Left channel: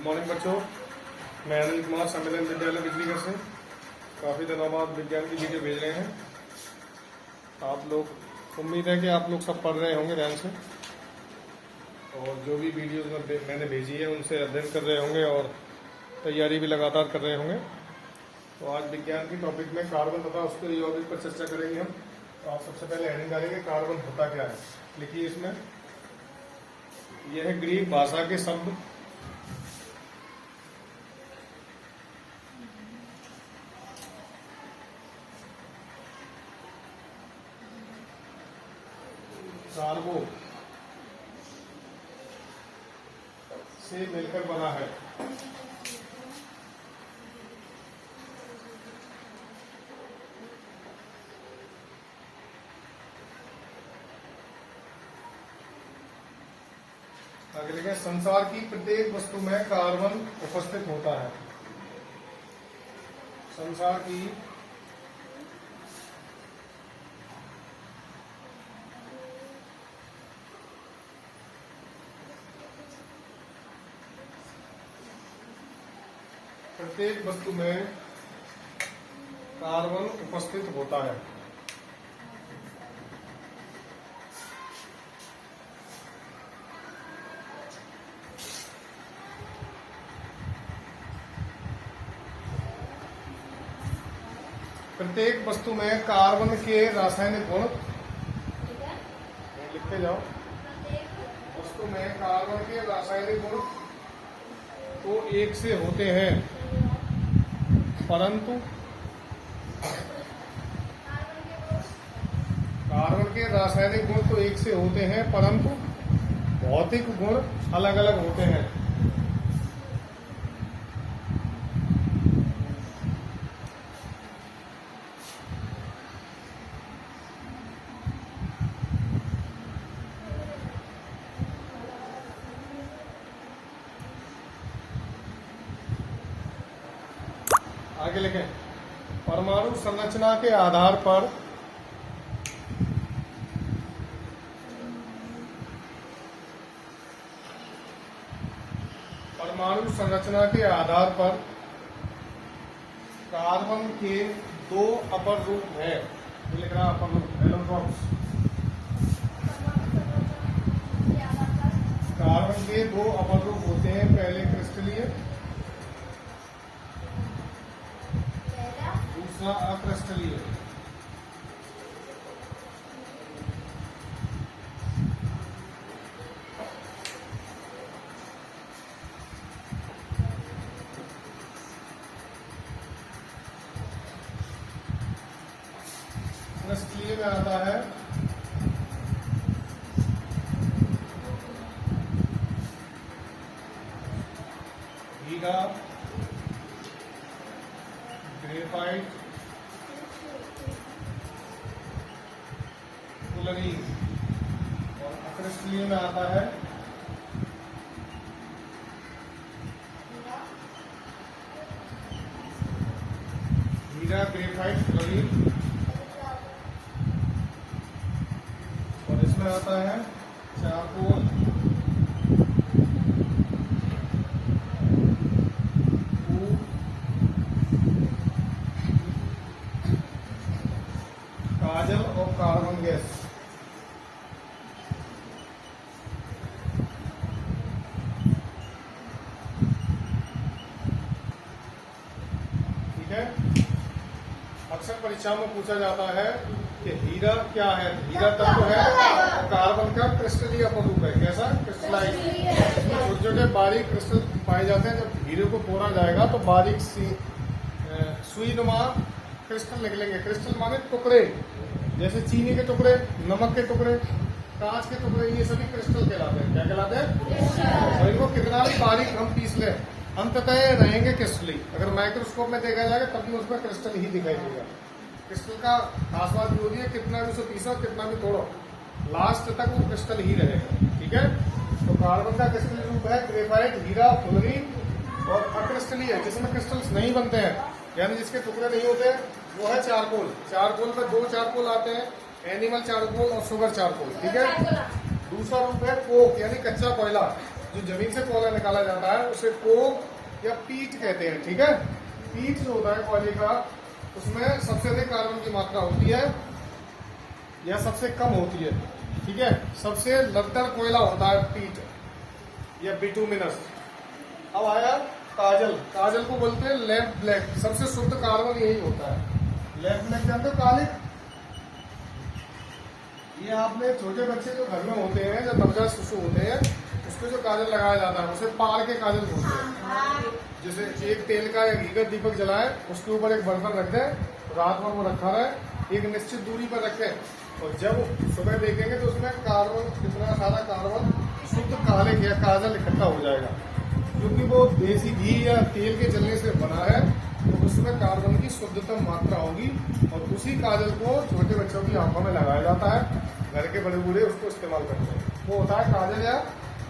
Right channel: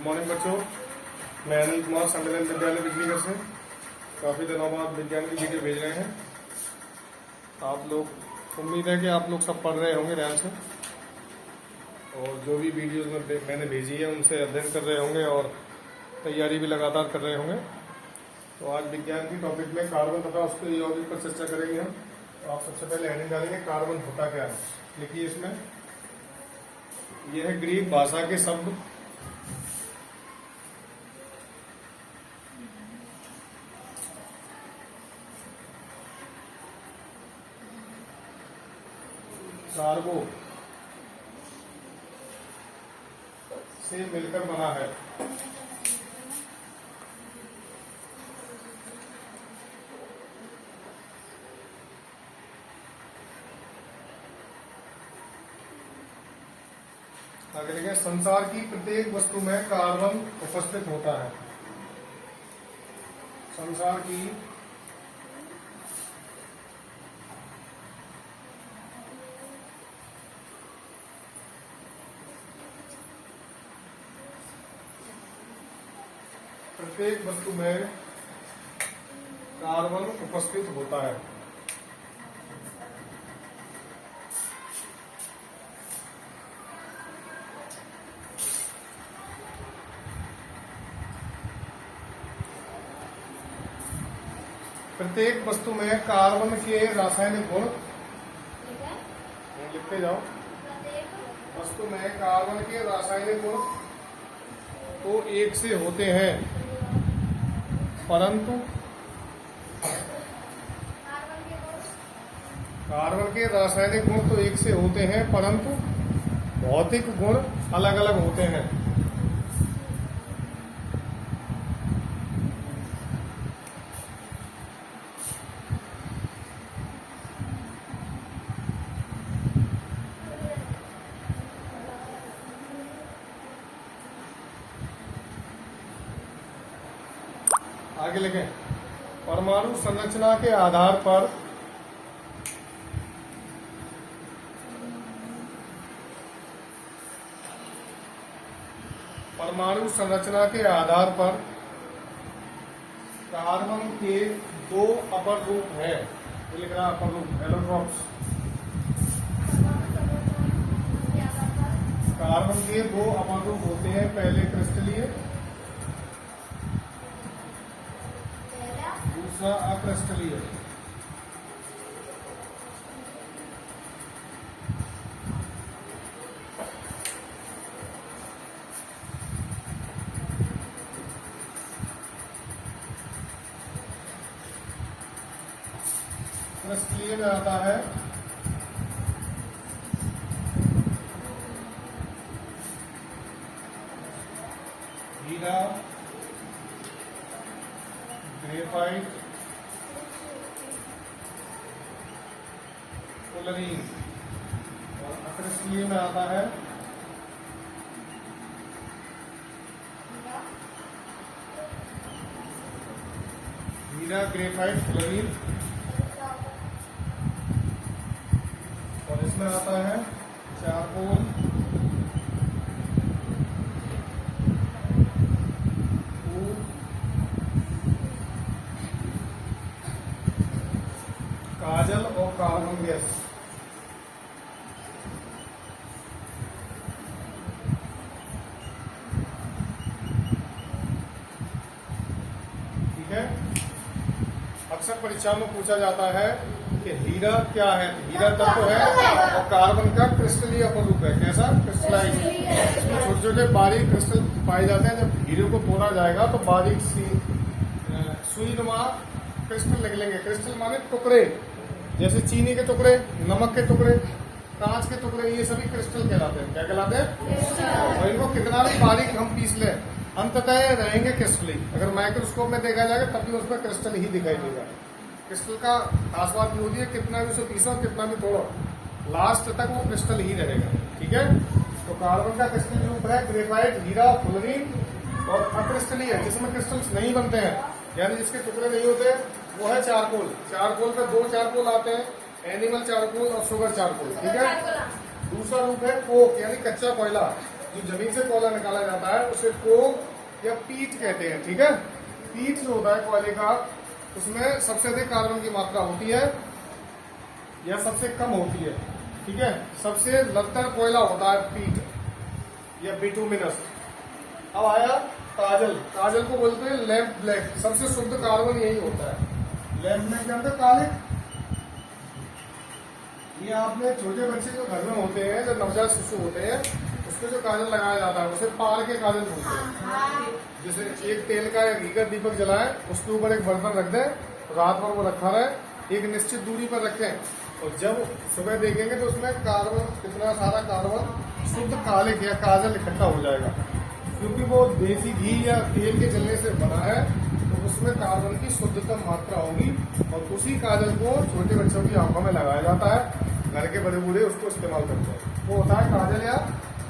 Good morning बच्चों, मैं अनिल कुमार सम्मेलन विद्यालय बिजलीगढ़ से काफ़ी दिनों बाद विज्ञान की वीडियो भेज रहे हैं। आप लोग, उम्मीद है कि आप लोग सब पढ़ रहे होंगे ध्यान से और जो भी वीडियोस मैंने भेजी है उनसे अध्ययन कर रहे होंगे और तैयारी भी लगातार कर रहे होंगे। तो आज विज्ञान की टॉपिक में कार्बन तथा उसके यौगिक पर चर्चा करेंगे हम। तो आप सबसे पहले हेडिंग डालेंगे कार्बन होता क्या है। लिखिए इसमें, यह ग्रीक भाषा के शब्द कार्बो से मिलकर बना है। आगे लिखें, संसार की प्रत्येक वस्तु में कार्बन उपस्थित होता है। संसार की प्रत्येक वस्तु में कार्बन उपस्थित होता है। प्रत्येक वस्तु में कार्बन के रासायनिक गुण, लिखते जाओ, वस्तु में कार्बन के रासायनिक गुण तो एक से होते हैं, परंतु कार्बन के रासायनिक गुण तो एक से होते हैं परंतु भौतिक गुण अलग अलग होते हैं। आगे लिखें, परमाणु संरचना के आधार पर कार्बन के दो अपर रूप है। ये लिख रहा है अपर रूप, एलोट्रॉप्स। कार्बन के दो अपर रूप होते हैं, पहले क्रिस्टलीय, दूसरा अक्रिस्टलीय। क्रिस्टलीय में आता है हीरा, ग्रेफाइट, फुलरीन। और अक्रिस्टलीय में आता है हीरा, ग्रेफाइट, फुलरीन। और इसमें आता है चारकोल, काजल और कार्बन गैस। ठीक है। अक्सर परीक्षा में पूछा जाता है कि हीरा क्या है। हीरा तत्व है और कार्बन का क्रिस्टलीय अपर रूप है। कैसा? क्रिस्टलाइज। इसमें छोटे छोटे बारीक क्रिस्टल पाए जाते हैं। जब हीरे को बोरा जाएगा तो बारीक सी सुईनुमा क्रिस्टल निकलेंगे। क्रिस्टल माने टुकड़े, जैसे चीनी के टुकड़े, नमक के टुकड़े, कांच के टुकड़े, ये सभी क्रिस्टल कहलाते हैं। क्या कहलाते हैं? और इनको कितना भी बारीक हम पीस लें, अंततः रहेंगे क्रिस्टली। अगर माइक्रोस्कोप में देखा जाएगा तब भी उसमें क्रिस्टल ही दिखाई देगा। क्रिस्टल का खास बात ये होती है, कितना भी उसे पीसो, कितना भी तोड़ो, लास्ट तक वो क्रिस्टल ही रहेगा। ठीक है। तो कार्बन का क्रिस्टल रूप है ग्रेफाइट, हीरा, फुलरीन। और अक्रिस्टलीय है जिसमें क्रिस्टल्स नहीं बनते हैं, यानी जिसके टुकड़े नहीं होते, वो है चारकोल। चारकोल पे दो चारकोल आते हैं, एनिमल चारकोल और शुगर चारकोल। ठीक है। दूसरा रूप है कोक यानी कच्चा कोयला। जो जमीन से कोयला निकाला जाता है उसे कोक या पीट कहते हैं। ठीक है, पीट जो होता है कोयले का, उसमें सबसे अधिक कार्बन की मात्रा होती है या सबसे कम होती है। ठीक है, सबसे लद्दर कोयला होता है पीट या बिटुमिनस। अब आया काजल। काजल को बोलते हैं लैम्प ब्लैक। सबसे शुद्ध कार्बन यही होता है। लैम्प ब्लैक जानते हो, काले। ये आपने छोटे बच्चे जो घर में होते हैं, जो नवजात शिशु होते हैं, उसको जो काजल लगाया जाता है उसे पार के काजल बोलते हैं। जैसे एक तेल का घी का दीपक जलाए, उसके ऊपर एक बर्तन रख दें, रात भर वो रखा रहे, एक निश्चित दूरी पर रखें और जब सुबह देखेंगे तो उसमें कार्बन, कितना सारा कार्बन शुद्ध काले या काजल इकट्ठा हो जाएगा। क्योंकि वो देसी घी या तेल के जलने से बना है तो उसमें कार्बन की शुद्धतम मात्रा होगी और उसी काजल को छोटे बच्चों की आंखों में लगाया जाता है। घर के बड़े बूढ़े उसको इस्तेमाल करते हैं। वो होता है काजल या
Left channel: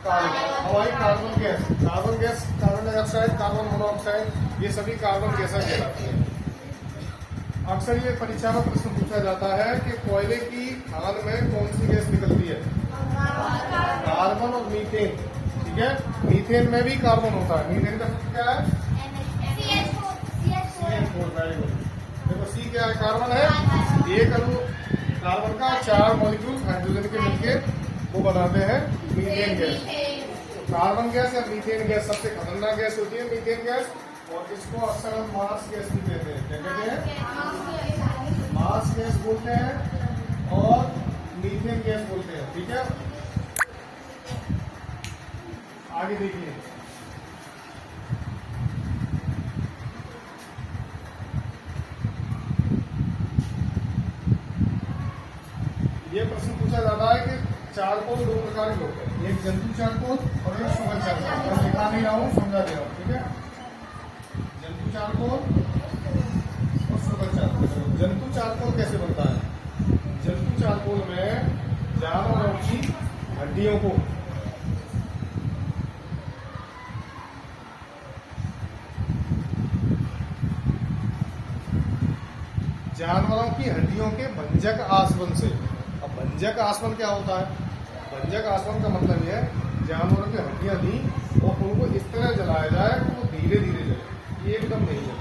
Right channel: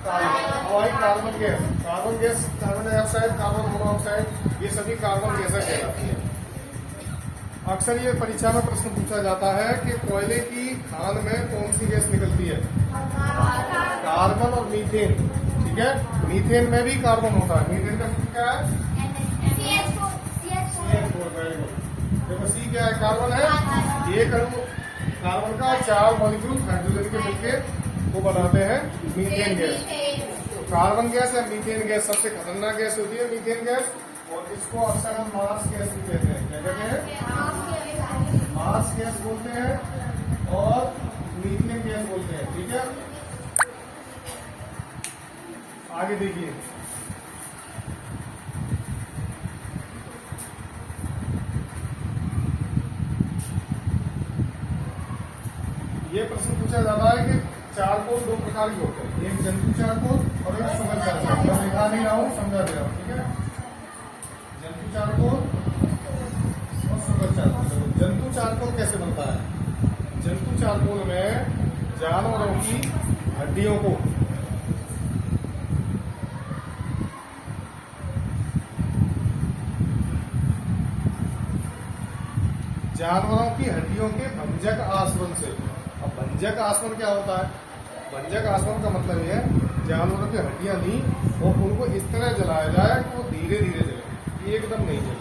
हवाई carbon gas. Carbon gas, carbon dioxide, carbon monoxide, ये सभी कार्बन गैसें कहलाती है। अक्सर ये परीक्षा में प्रश्न पूछा जाता है कि कोयले की खान में कौन सी गैस निकलती है? कार्बन और मीथेन। ठीक है, मीथेन में भी कार्बन होता है। मीथेन का सूत्र क्या है? देखो सी क्या है? कार्बन है। एक अणु कार्बन का 4 मॉलिक्यूल हाइड्रोजन के मिलकर वो बनाते हैं मीथेन गैस। तो कार्बन गैस या मीथेन गैस सबसे खतरनाक गैस होती है, मीथेन गैस। और इसको अक्सर हम मार्स गैस भी कहते हैं। क्या कहते हैं? मार्स गैस बोलते हैं और मीथेन गैस बोलते हैं। ठीक है, आगे देखिए। ये प्रश्न पूछा जाता है कि चारकोल 2 प्रकार के होते हैं, एक जंतु चारकोल और एक सुगर चारकोल। मैं लिखा नहीं रहा हूँ, समझा दे रहा हूँ। ठीक है, जंतु चारकोल और सुगर चारकोल। जंतु चारकोल कैसे बनता है? जंतु चारकोल में जानवरों की हड्डियों को के भंजक आसवन से। अब भंजक आसवन क्या होता है? भंजक आसवन का मतलब यह है जानवरों की हड्डियां ली और उनको इस तरह जलाया जाए कि वो धीरे धीरे जले, एकदम नहीं जले।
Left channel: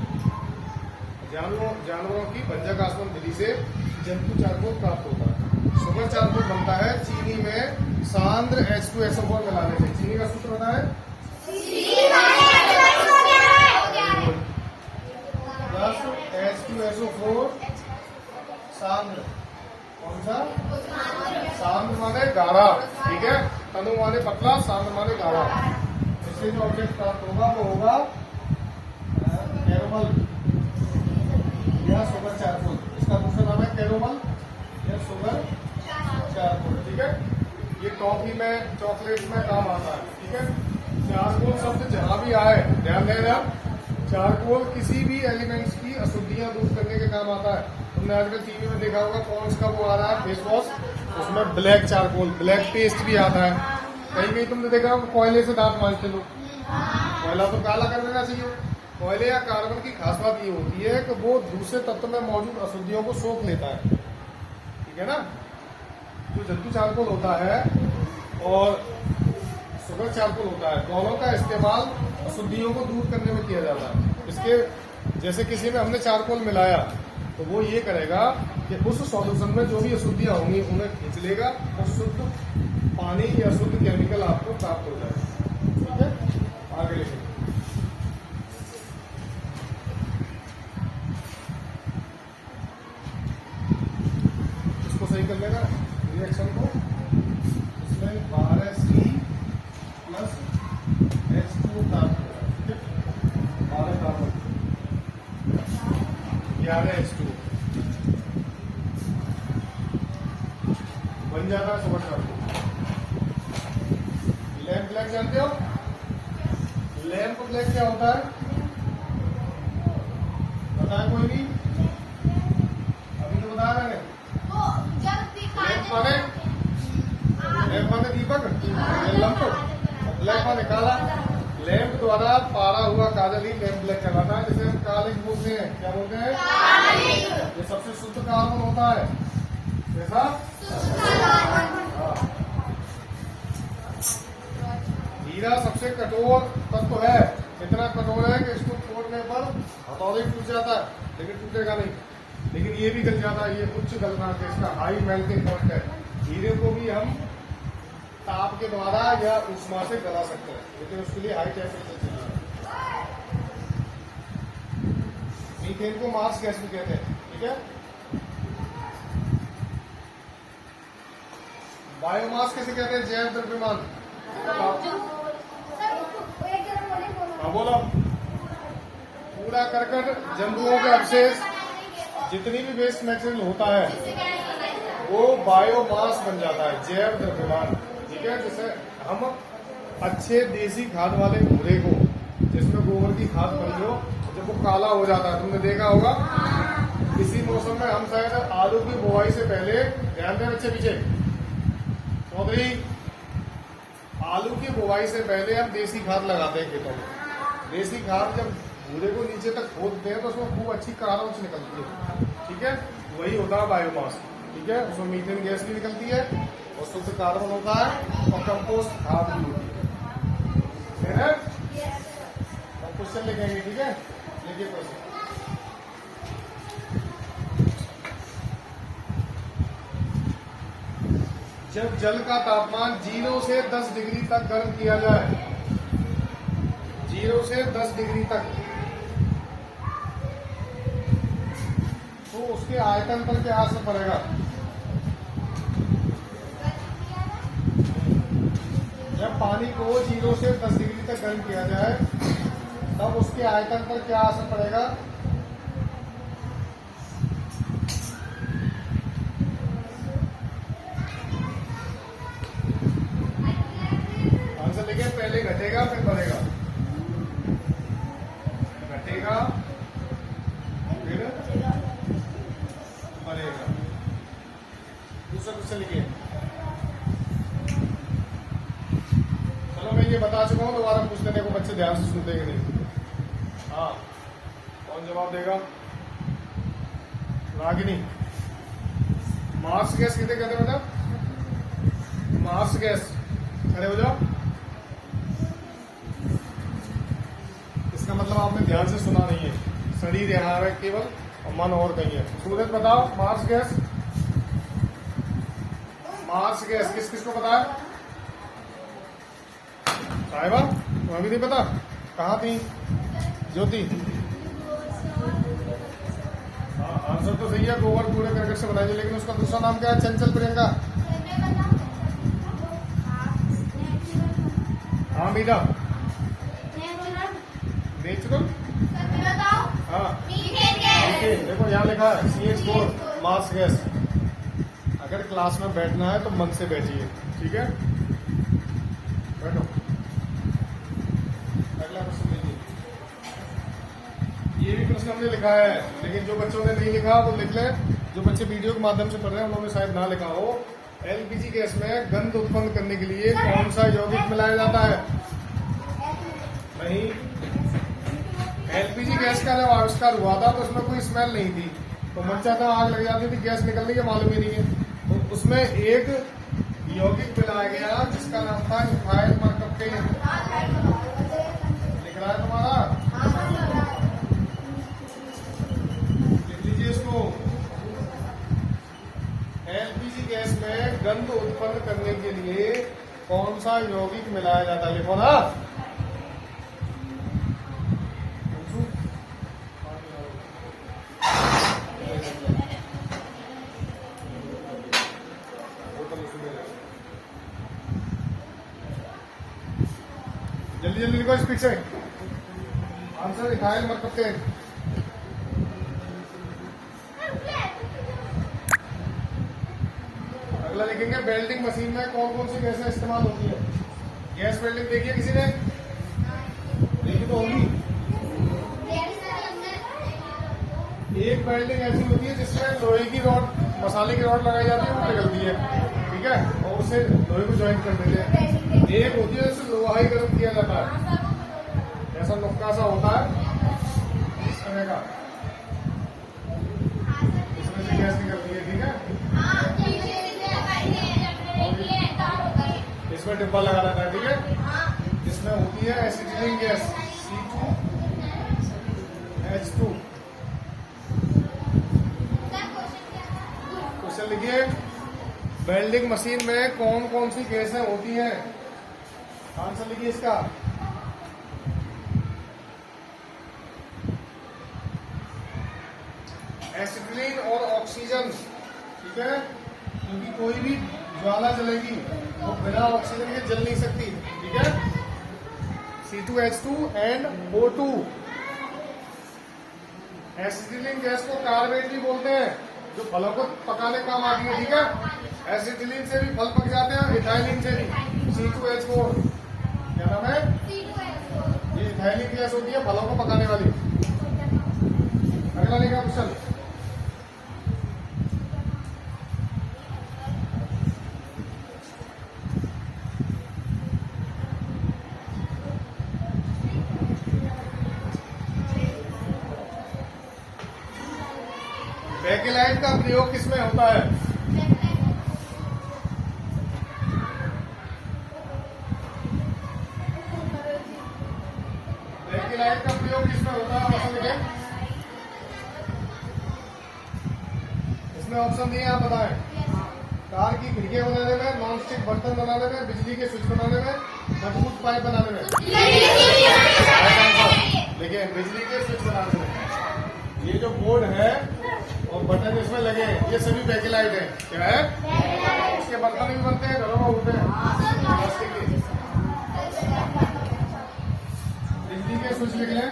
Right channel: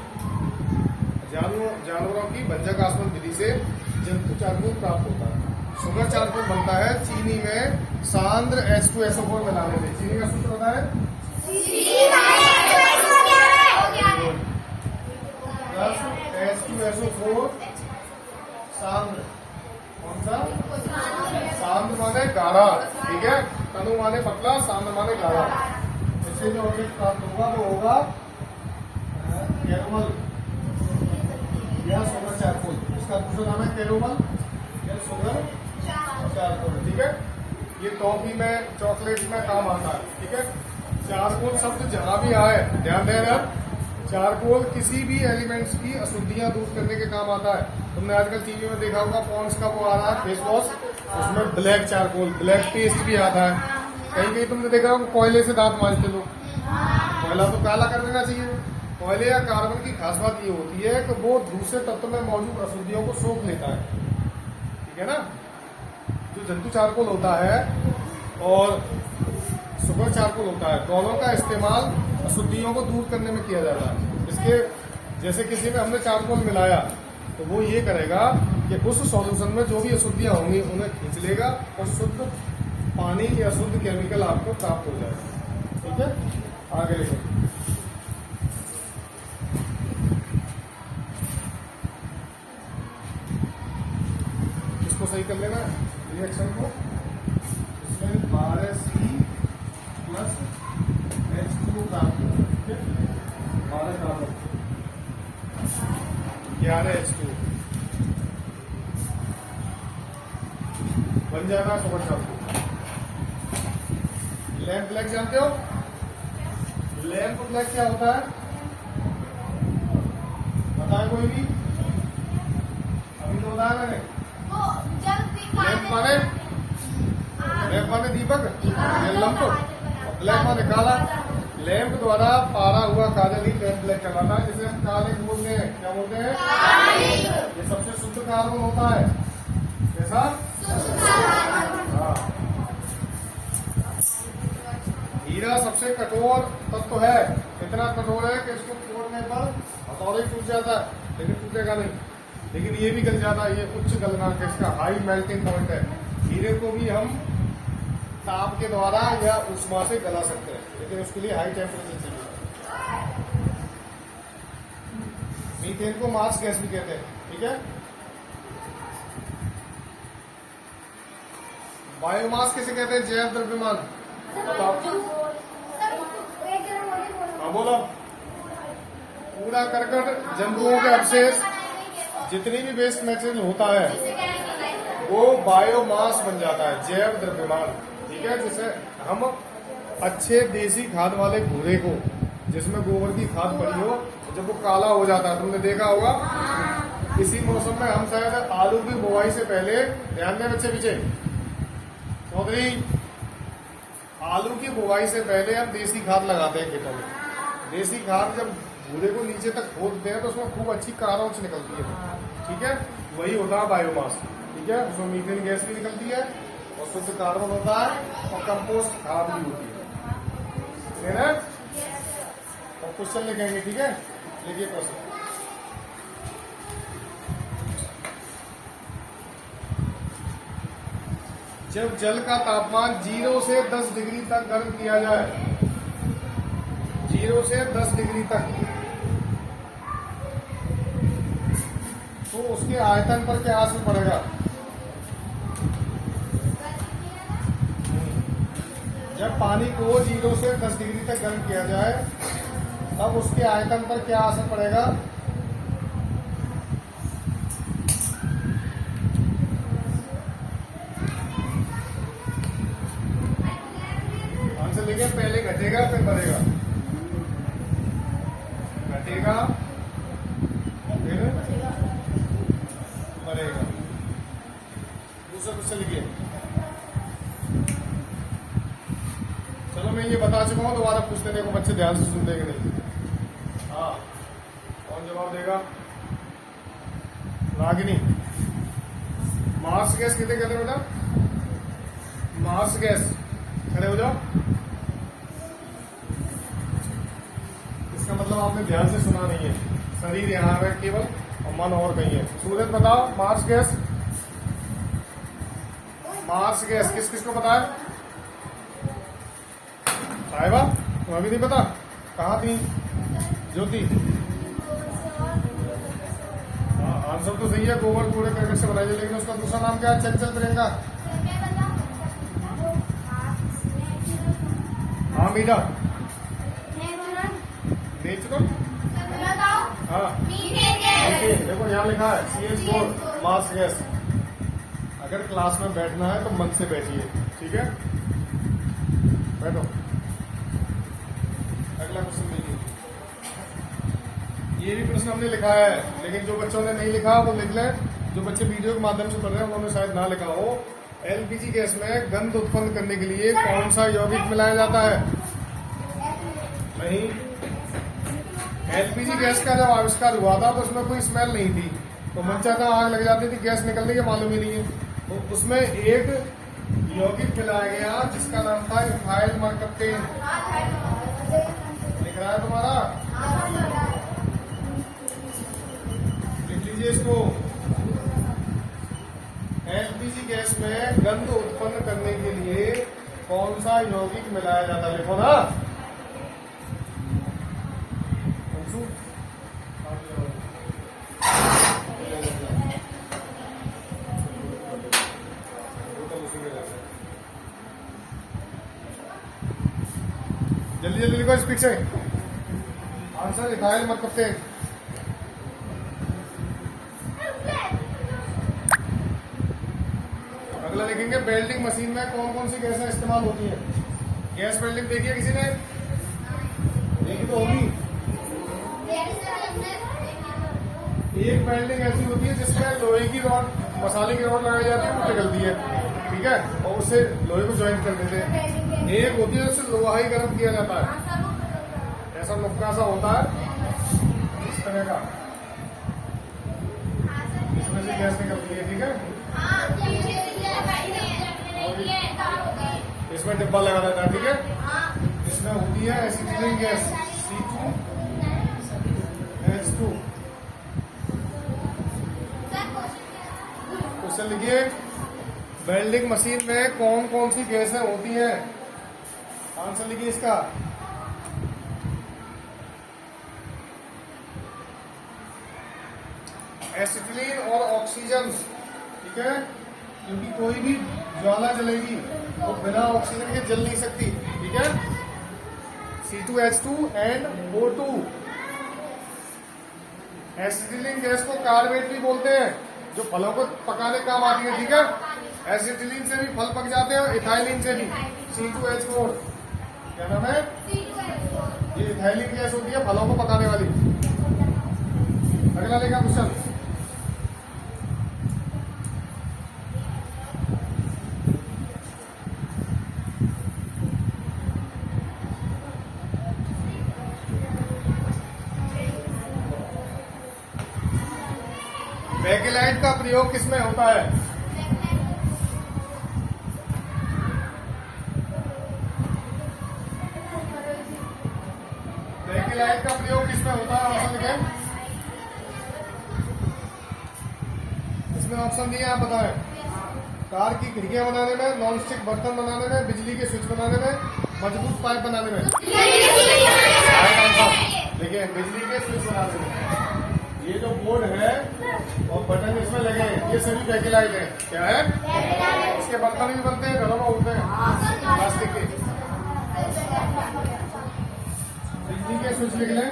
जानवरों की भंजक आसवन विधि से जंतु चारकोल प्राप्त होता है। सुगर चारकोल बनता है चीनी में सांद्र H2SO4 मिलाने से। चीनी का सूत्र होता है H2SO4 सांद्र। कौन सा? सांद्र माने गाढ़ा। ठीक है, तनु माने पतला, सांद्र माने गाढ़ा। इससे जो ऑब्जेक्ट प्राप्त होगा वो होगा कैरोमल या सुगर चारकोल। इसका दूसरा नाम है कैरोमल या सुगर चारकोल। ठीक है, ये टॉफी में, चॉकलेट में काम आता है। ठीक है, चारकोल शब्द जहां भी आए ध्यान देना, चारकोल किसी भी एलिमेंट्स की अशुद्धियां दूर करने के काम आता है। तुमने आजकल टीवी में देखा होगा पॉन्ड्स का वो आ रहा है फेस वॉश, उसमें ब्लैक चारकोल, ब्लैक पेस्ट भी आता है। कहीं कहीं तुमने देखा होगा कोयले से दांत मांजते लोग। कोयला तो काला कर देना चाहिए। कोयले या कार्बन की खास बात ये होती है कि वो दूसरे तत्व में मौजूद अशुद्धियों को सोख लेता है। ठीक है ना, जो जंतु चारकोल होता है और सुगर चारकोल होता है, दोनों का इस्तेमाल अशुद्धियों को दूर करने में किया जाता है। इसके जैसे किसी ने हमने चारकोल मिलाया तो वो ये करेगा कि उस सॉल्यूशन में जो भी अशुद्धियां होंगी उन्हें खींच लेगा और शुद्ध पानी या शुद्ध केमिकल आपको प्राप्त हो जाएगा। ठीक है, आगे लिखें। इसको सही कर लेना रिएक्शन को। इसमें 12C plus H2 carbon, 12 carbon, 11 H2 बन जाना सुगर चारकोल। लैम्प ब्लैक जानते हो? लैम्प ब्लैक क्या होता है? बताया कोई भी? अभी तो बताया मैंने। लैम्प माने दीपक, लैम्प, ब्लैक माने काला। लैम्प द्वारा पारा हुआ काजल ही लैम्प ब्लैक कहलाता है, जिसे हम काले बोलते हैं। क्या बोलते हैं? ये सबसे शुद्ध कार्बन होता है। कैसा? हीरा सबसे कठोर तत्व है, इतना कठोर है कि इसको तोड़ने पर हथौड़ी टूट जाता है, लेकिन टूटेगा नहीं। लेकिन ये भी गल जाता है, ये उच्च गलनांक है, इसका हाई मेल्टिंग पॉइंट है। हीरे को भी हम ताप के द्वारा या उष्मा से गला सकते हैं, लेकिन उसके लिए हाई टेम्परेचर चाहिए। मीथेन को मार्स गैस भी कहते हैं, ठीक है। बायोमास किसे कहते हैं? जैव द्रव्यमान। हाँ बोलो। पूरा करकट, जंतुओं के अवशेष, जितनी भी वेस्ट मटेरियल होता है वो बायोमास बन जाता है, जैव द्रव्यमान, ठीक है। जैसे हम अच्छे देसी खाद वाले भूरे को, जिसमें गोबर की खाद पड़ी हो, जब वो काला हो जाता है, तुमने देखा होगा किसी मौसम में हम शायद आलू की बुआई से पहले, ध्यान दें बच्चे पीछे, चौधरी, आलू की बुआई से पहले हम देसी खाद लगाते हैं खेतों में। देसी खाद जब भूरे को नीचे तक खोदते हैं तो उसमें खूब अच्छी कारोच निकलती है, ठीक है। वही होता है बायोमास, ठीक है। उसमें मीथेन गैस भी निकलती है और शुद्ध कार्बन होता है और कंपोस्ट खाद भी होती है। और क्वेश्चन लिखेंगे, ठीक है। देखिए क्वेश्चन, जब जल का तापमान 0 से 10 डिग्री तक गर्म किया जाए, 0 से 10 डिग्री तक, तो उसके आयतन पर क्या असर पड़ेगा? जब पानी को 0 से 10 डिग्री तक गर्म किया जाए तब उसके आयतन पर क्या असर पड़ेगा? आंसर देखिए, पहले घटेगा फिर बढ़ेगा, घटेगा फिर बढ़ेगा। दूसरा क्वेश्चन लिखिए। चलो मैं ये बता चुका हूं, दोबारा पूछने देखो बच्चे ध्यान से सुनते कि नहीं। हाँ, कौन जवाब देगा? रागिनी। मार्स गैस किसे कहते हैं बेटा? मार्स गैस, खड़े हो जाओ। इसका मतलब आपने ध्यान से सुना नहीं है, शरीर यहाँ है केवल और मन और कहीं है। सूरज बताओ, मार्स गैस, मार्स गैस किस किस को पता है? साहिबा, तुम्हें भी नहीं पता? कहाँ थी ज्योति? हाँ, आंसर तो सही है, गोबर कूड़े करकट से बनाई, लेकिन उसका दूसरा नाम क्या है? चंचल प्रियंका। हाँ मीरा, नेचुरल। हाँ देखो यहाँ लिखा है CH4 मार्स गैस। अगर क्लास में बैठना है तो मन से बैठिए, ठीक है। बैठो। अगला क्वेश्चन लीजिए। ये भी प्रश्न हमने लिखा है, लेकिन जो बच्चों ने नहीं लिखा वो लिख ले। जो बच्चे वीडियो के माध्यम से पढ़ रहे हैं उन्होंने शायद ना लिखा हो। LPG गैस में गंध उत्पन्न करने के लिए कौन सा यौगिक मिलाया जाता है? नहीं, LPG गैस का जब आविष्कार हुआ था तो उसमें कोई स्मेल नहीं थी, तो मंचा का आग लग जाती थी, गैस निकलने के मालूम ही नहीं है। तो उसमें एक यौगिक मिलाया गया जिसका नाम था इथाइल मरकप्टेन। दिख रहा है तुम्हारा? लिख लीजिए इसको। LPG गैस में गंध उत्पन्न करने के लिए कौन सा यौगिक मिलाया जाता है? देखो ना, जल्दी जल्दी लिखो स्पीड से। Answer ethyl mercaptan. अगला लिखेंगे, वेल्डिंग मशीन में कौन कौन सी गैसें इस्तेमाल होती है? गैस वेल्डिंग देखिए किसी ने? देखी तो होगी। एक वेल्डिंग ऐसी होती है जिसमें लोहे की रॉड, मसाले की रॉड लगाई जाती है, वो निकलती है, ठीक है, और उससे लोहे को ज्वाइन कर देते हैं। एक होती है जिससे लोहा ही गर्म किया जाता है, ऐसा नुक्का सा होता है इस तरह का, इसमें से गैस निकलती है, ठीक है। इसमें डिब्बा लगा रहता है, ठीक है। इसमें होती है एसिटिलीन गैस C2H2। क्वेश्चन लिखिए, वेल्डिंग मशीन में कौन कौन सी गैसें होती हैं? आंसर लिखिए इसका। एसिटिलीन और ऑक्सीजन, ठीक है, क्योंकि कोई भी ज्वाला जलेगी वो बिना ऑक्सीजन के जल नहीं सकती, ठीक है। C2H2 and O2। Acetylene gas को कार्बेट भी बोलते हैं, जो फलों को पकाने काम आती है, ठीक है। एसिटिलीन से भी फल पक जाते हैं, इथाइलिन से भी। C2H4 क्या नाम है? ये इथाइलिन गैस होती है फलों को पकाने वाली। अगला लेगा क्वेश्चन, बेकेलाइट का प्रयोग किसमें होता है? बेकेलाइट का प्रयोग किसमें होता है? ऑप्शन लिखें। इसमें ऑप्शन दिए, आप बताएं। कार की खिड़कियां बनाने में, नॉन स्टिक बर्तन बनाने में, बिजली के स्विच बनाने में, मजबूत पाइप बनाने में। देखिए, बिजली के स्विच बनाने में। ये जो बोर्ड है और बटन इसमें लगे हैं, ये सभी बेकेलाइट है। क्या है? इसके बर्तन भी बनते हैं, घरों में उड़ते हैं प्लास्टिक के। बिजली के स्विच लिख लें।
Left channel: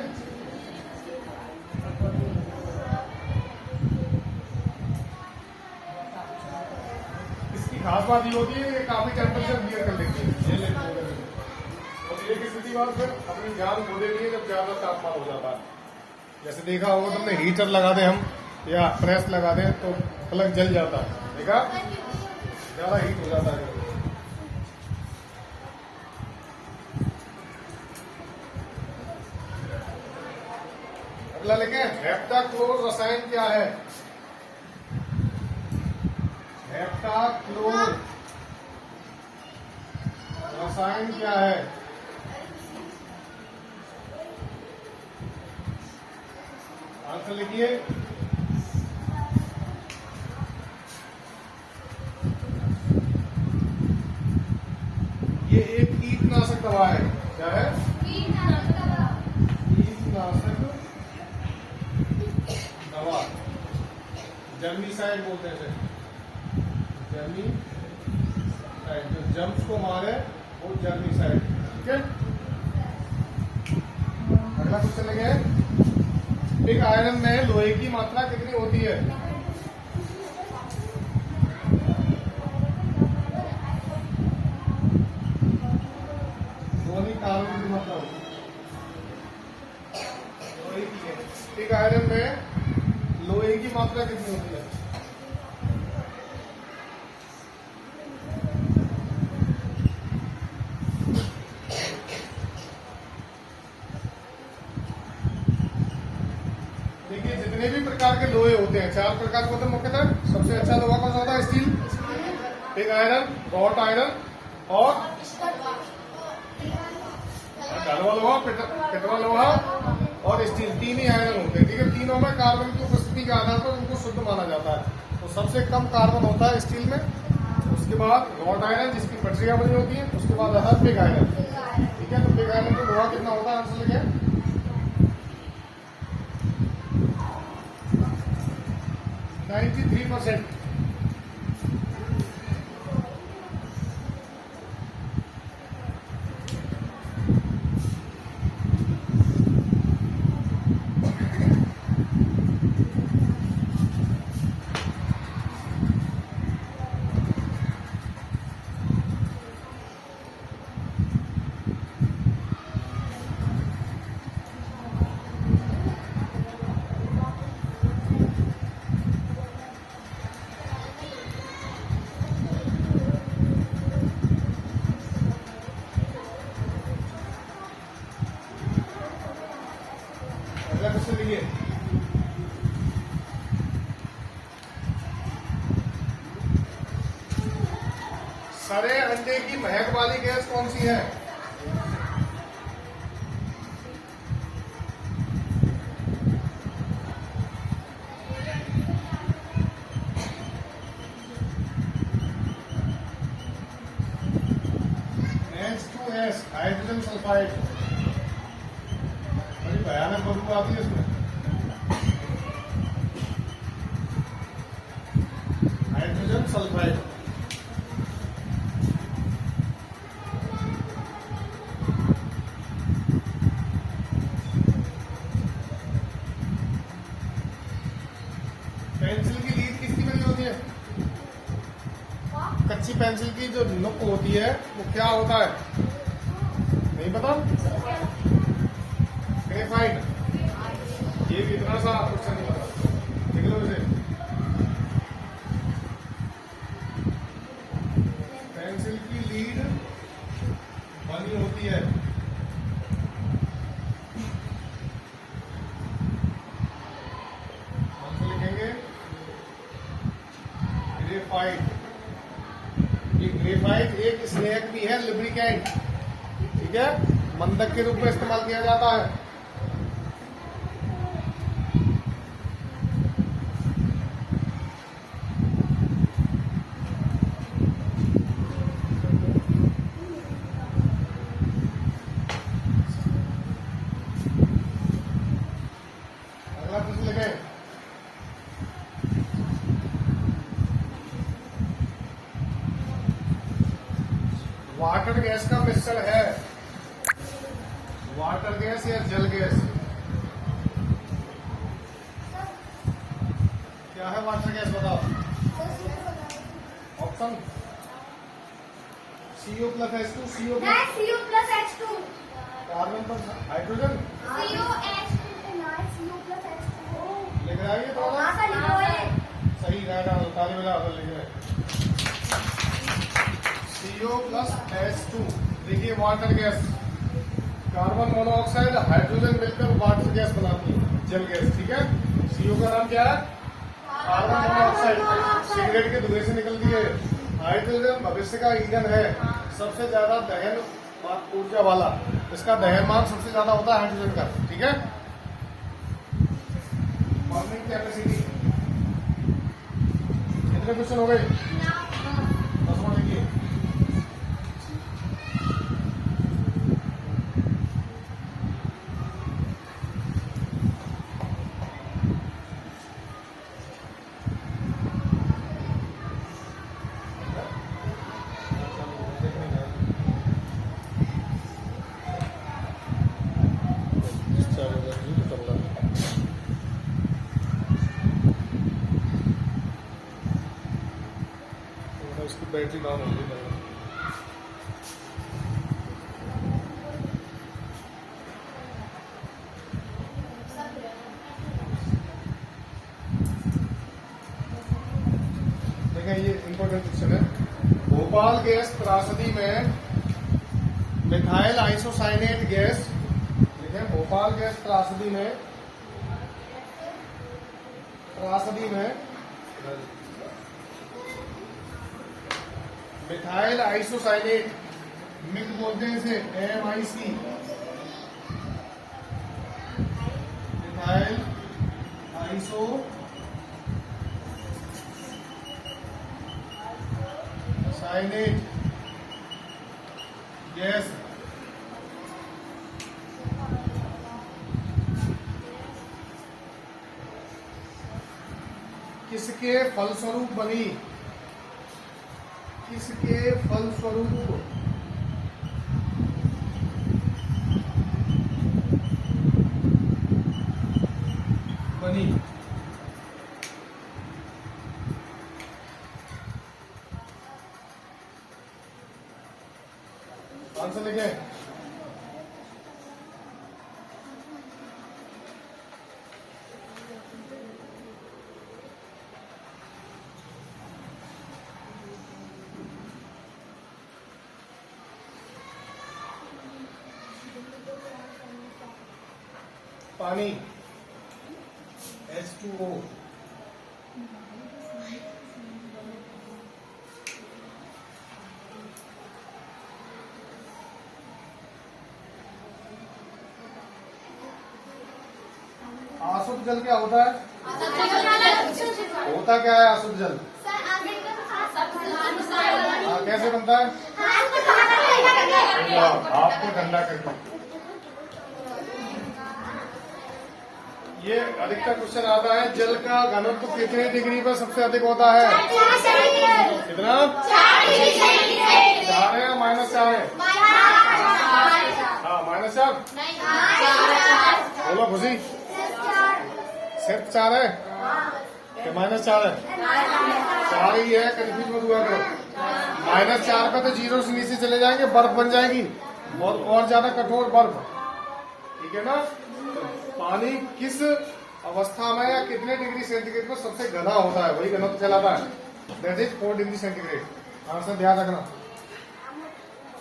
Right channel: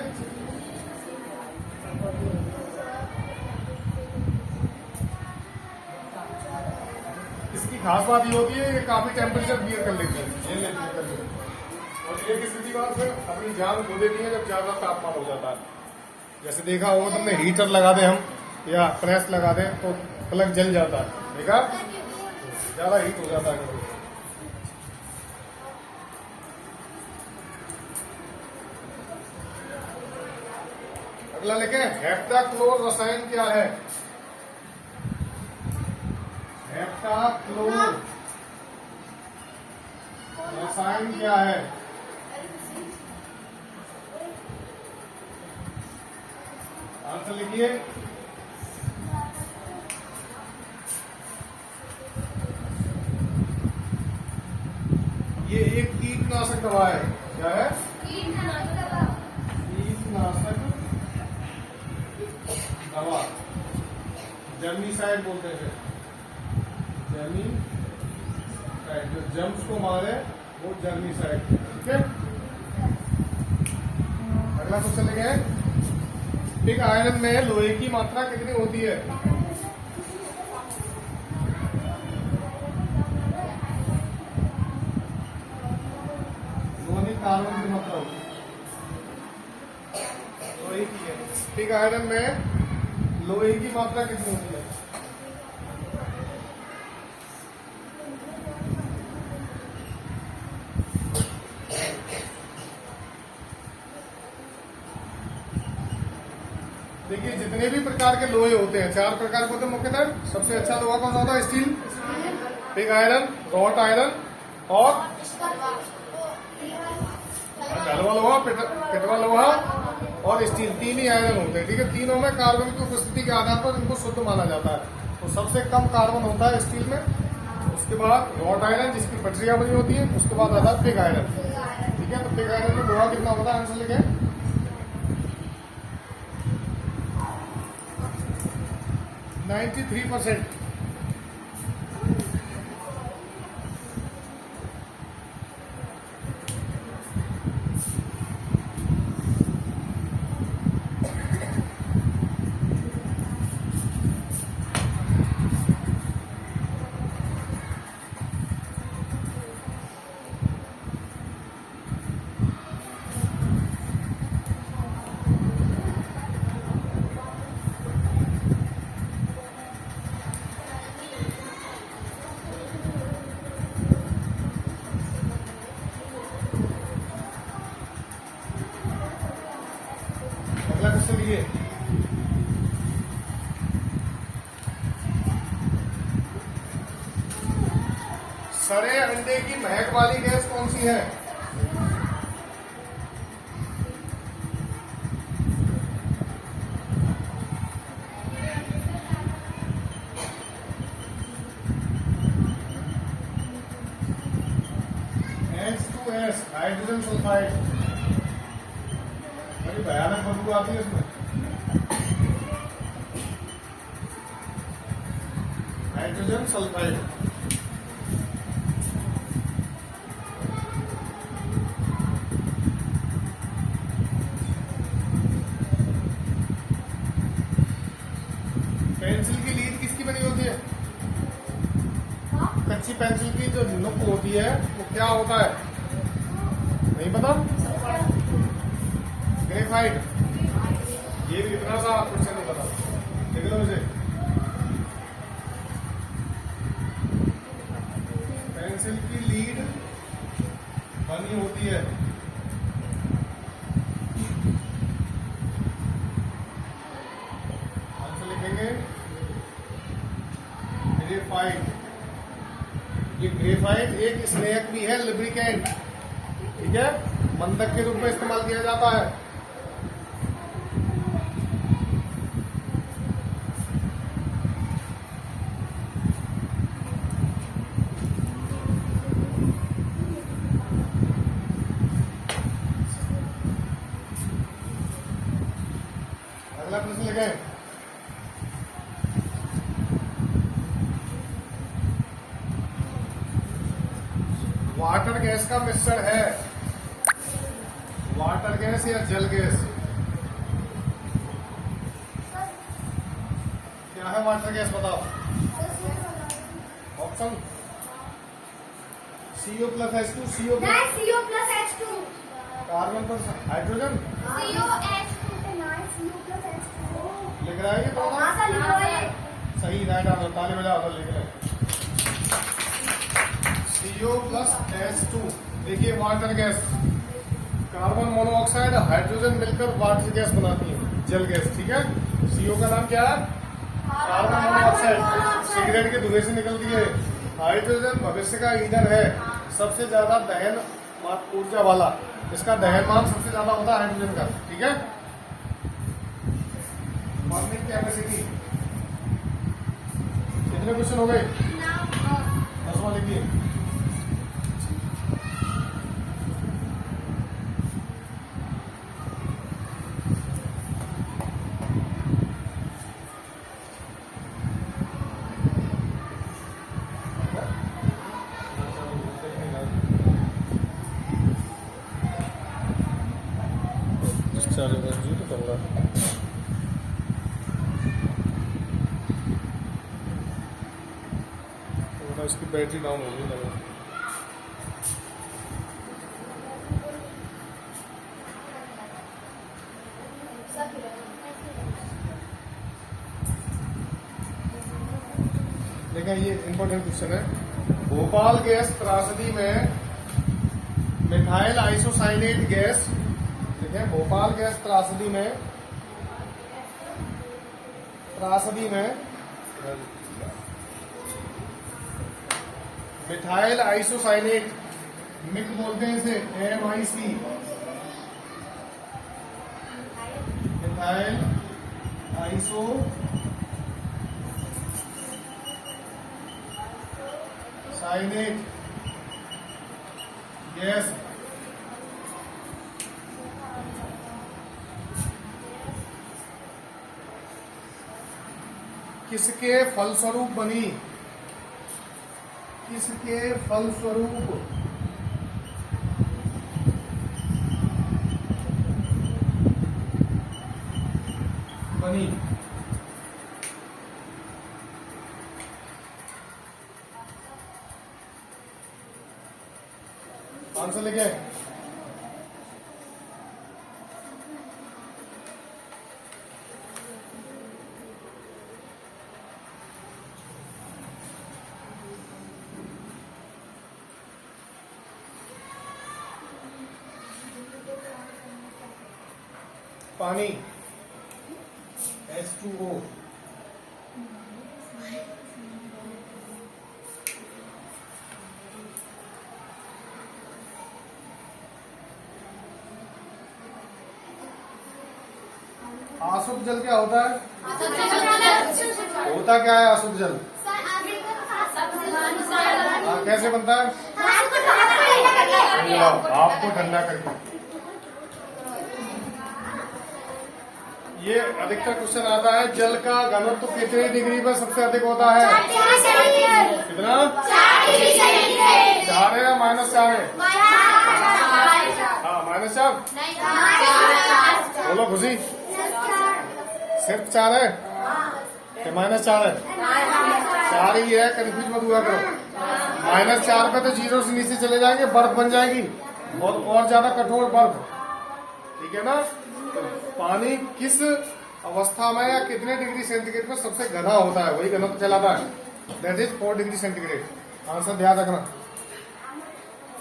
इसकी खास बात ये होती है, ये काफी टेम्परेचर क्लियर कर लेते हैं। और एक स्थिति में फिर अपनी जान खो देती है जब ज्यादा तापमान हो जाता है। जैसे देखा होगा तुमने, हीटर लगा दे हम या प्रेस लगा दे तो प्लग जल जाता है, देखा? ज्यादा हीट हो जाता है। अगला लिखें, हेप्टाक्लोर रसायन क्या है? हेप्टाक्लोर रसायन क्या है? आंसर लिखिए। ये एक कीटनाशक दवा है। क्या है? कीटनाशक दवा, जर्मीसाइड बोलते हैं। जर्मीसाइड, जो जम्स को मारे वो जर्मीसाइड, ठीक है। अगला क्वेश्चन लिखे, एक आयरन में लोहे की मात्रा कितनी होती है? लोहे कार्बन की मात्रा होती है, लोहे की है। एक आयरन में लोहे की मात्रा कितनी होती है? देखिए, जितने भी प्रकार के लोहे होते हैं, 4 प्रकार के होते हैं मुख्यतः। सबसे अच्छा लोहा कौन सा होता है? Steel, pig iron, wrought iron और ढलवा लोहा, पिटवा लोहा और स्टील। 3 ही आयरन होते हैं, ठीक है। तीनों में कार्बन की उपस्थिति के आधार पर इनको शुद्ध माना जाता है। तो सबसे कम कार्बन होता है स्टील में, उसके बाद रॉट आयरन जिसकी पटरियां बनी होती है, उसके बाद आता है पिग आयरन, ठीक है। तो पिग आयरन में लोहा कितना होता है? आंसर लिखे। 93%। अगला क्वेश्चन लिखिए, सड़े अंडे की महक वाली गैस कौन सी है? हाइड्रोजन सल्फाइड, बड़ी भयानक बदबू आती है इसमें। Hydrogen sulphide. पेंसिल की लीड किसकी बनी होती है? कच्ची पेंसिल की जो नुक होती है वो क्या होता है? नहीं पता? ग्रेफाइट। ये भी इतना सा क्वेश्चन नहीं पता, लिख लो इसे। पेंसिल की लीड बनी होती है ग्रेफाइट। ये ग्रेफाइट एक स्नेक भी है, लुब्रिकेंट, ठीक है, मंदक के रूप में इस्तेमाल किया जाता है। अगला प्रश्न देखें। वाटर गैस का मिश्रण है, वाटर गैस या जल गैस? क्या है वाटर गैस, बताओ। Option CO plus H2, CO plus H2, carbon पर हाइड्रोजन लिख रहा है ये तो सही राइट आंसर, ताली बजाओ तो लिख रहे हैं। CO प्लस H2, देखिए water gas, carbon monoxide hydrogen मिलकर वाटर गैस बनाती है, जल गैस, ठीक है। CO का नाम क्या है? कार्बन मोनोऑक्साइड, सिगरेट के धुएं से निकलती है। हाइड्रोजन भविष्य का ईंधन है, सबसे ज्यादा दहन ऊर्जा वाला, इसका दहनमान सबसे ज्यादा होता है हाइड्रोजन का, ठीक है। बॉन्डिंग कैपेसिटी, कितने क्वेश्चन हो गए? 10वां देखिए। इसकी बैटरी डाउन हो गई। देखें ये इंपॉर्टेंट क्वेश्चन है। भोपाल गैस त्रासदी में मिथाइल आइसोसाइनेट गैस, देखें भोपाल गैस त्रासदी में मिथाइल आइसोसाइनेट, मिथ बोलते हैं इसे, MIC, मिथाइल आइसोसाइनेट गैस किसके फलस्वरूप बनी? किसके फलस्वरूप बनी? आंसर लिखे। पानी H2O, आशुद्ध जल क्या होता है? होता क्या है आशुद्ध जल? कैसे बनता है? भाप को ठंडा करके। ये अधिकतर क्वेश्चन आता है, जल का घनत्व कितने डिग्री पर सबसे अधिक होता है? कितना? 4 है या -4 है? हाँ, -4। बोलो खुशी, सिर्फ 4 है कि -4 है? 4 ही है, कंफ्यूज मत हुआ करो। -4 पे तो 0 से नीचे चले जाएंगे, बर्फ बन जाएगी और ज्यादा कठोर बर्फ। ठीक है ना? पानी किस अवस्था में या कितने डिग्री सेंटीग्रेड पर सबसे घना होता है, वही घनत्व कहलाता है। That is 4 degree centigrade. Answer ध्यान रखना।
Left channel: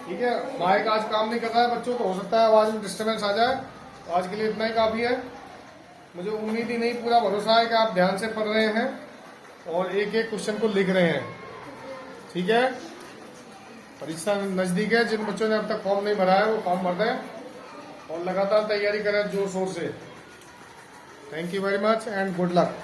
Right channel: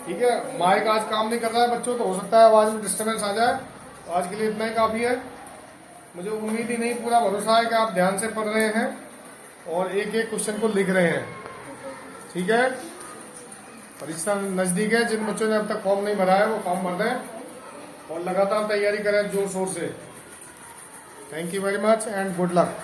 ठीक है, माइक आज काम नहीं कर रहा है बच्चों, तो हो सकता है आवाज में डिस्टर्बेंस आ जाए। तो आज के लिए इतना ही काफी है। मुझे उम्मीद ही नहीं, पूरा भरोसा है कि आप ध्यान से पढ़ रहे हैं और एक एक क्वेश्चन को लिख रहे हैं। ठीक है, परीक्षा नजदीक है। जिन बच्चों ने अब तक फॉर्म नहीं भरा है वो फॉर्म भर दें और लगातार तैयारी करें जोर शोर से। Thank you very much and good luck.